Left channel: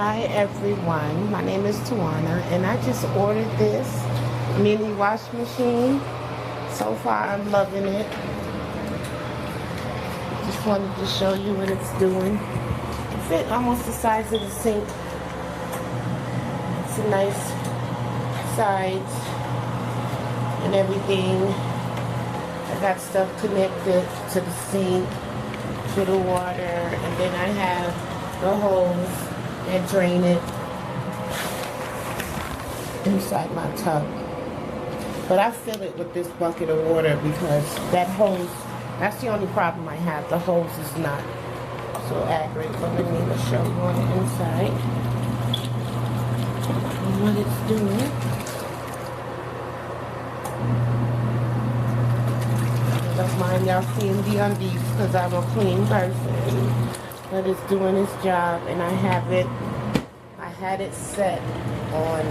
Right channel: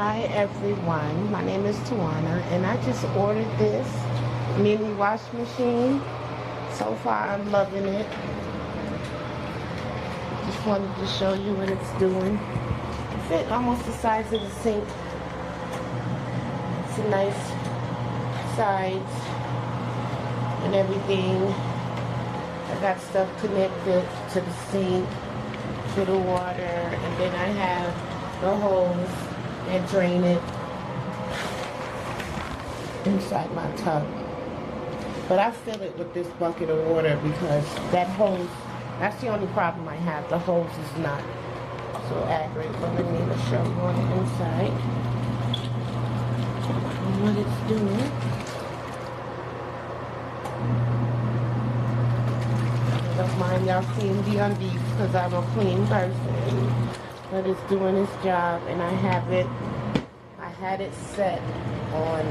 Hi everyone, my name is Tawana and I just ordered this mini wash machine. So far I'm loving it. Just wanted to show you what it's doing. It's almost the size of the sink. It's a nice size and everything. I got stuff connected to the sink, to the water, and then I have the hose and drain it inside my tub. But I fill it with this bucket of water because that hose, that's the only problem I have. The hose is not so accurate. But let me show you on the inside what it's doing. Don't mind y'all seeing the undies because I'm a clean person. But it's doing its job, and I had it set on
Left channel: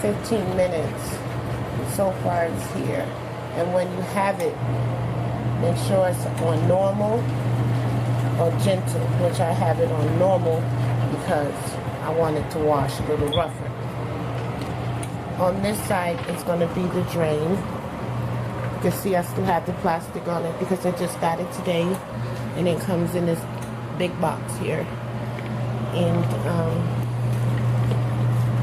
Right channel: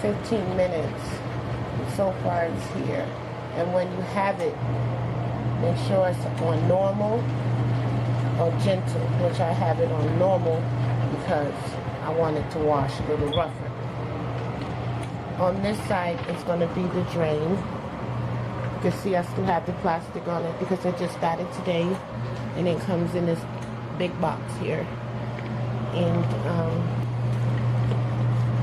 15 minutes. So far it's here. And when you have it, make sure it's on normal or gentle, which I have it on normal because I want it to wash a little rougher. On this side, it's going to be the drain. You can see I still have the plastic on it because I just got it today, and it comes in this big box here. And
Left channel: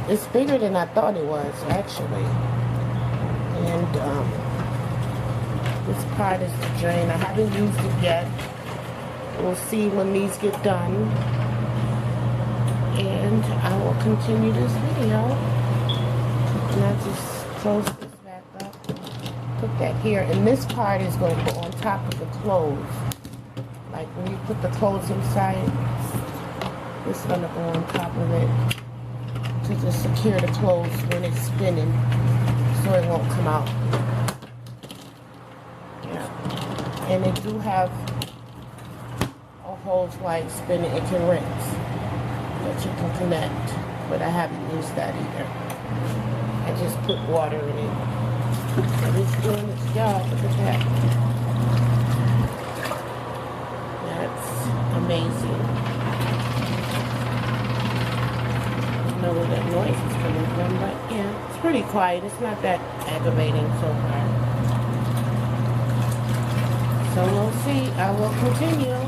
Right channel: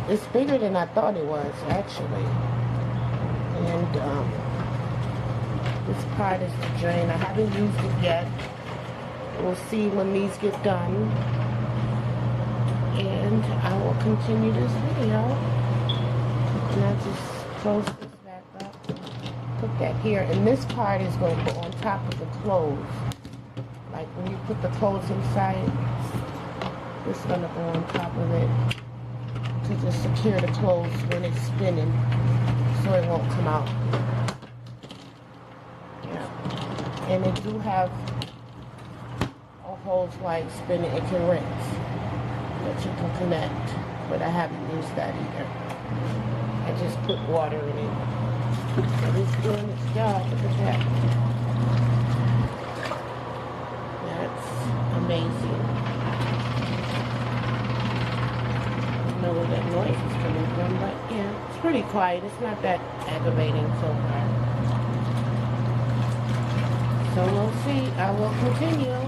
it's bigger than I thought it was, actually. And this part is the drain. I haven't used it yet. We'll see when these get done. And I will continue this video. And I just close this back up. Put that here. And this part is going to go on top of the clothes. Like when you put the clothes inside, it's going to go on top of it to just secure the clothes when it's spinning so it won't come out. Yeah. And they do have a hose like spinning, it can rinse that you can connect, but I haven't used that either. I just put water in it. And it's doing its job. Look at that. That's amazing. I don't know where that noise is coming from, but yeah, it's pretty quiet. It's not that aggravating so far. So we'll see. I will continue.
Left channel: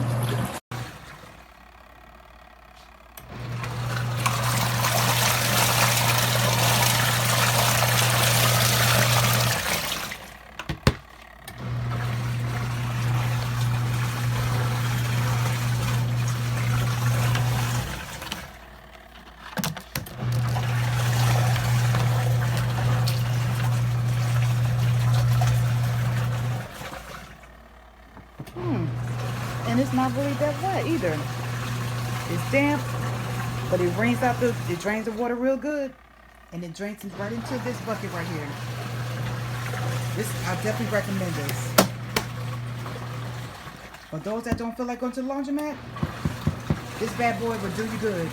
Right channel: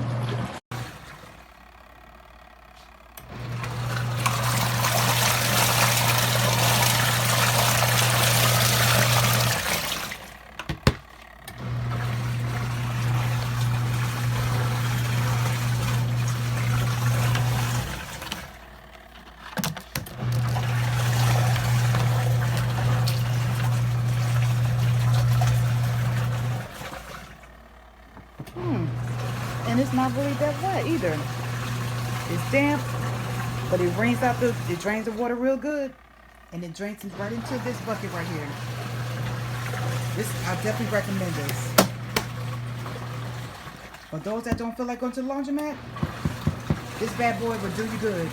And it's not really that wet either. It's damp, but it drains the water real good, and it drains it right into this bucket right here. I definitely recommend this. For those that don't feel like going to the laundromat, this bad boy will do you good.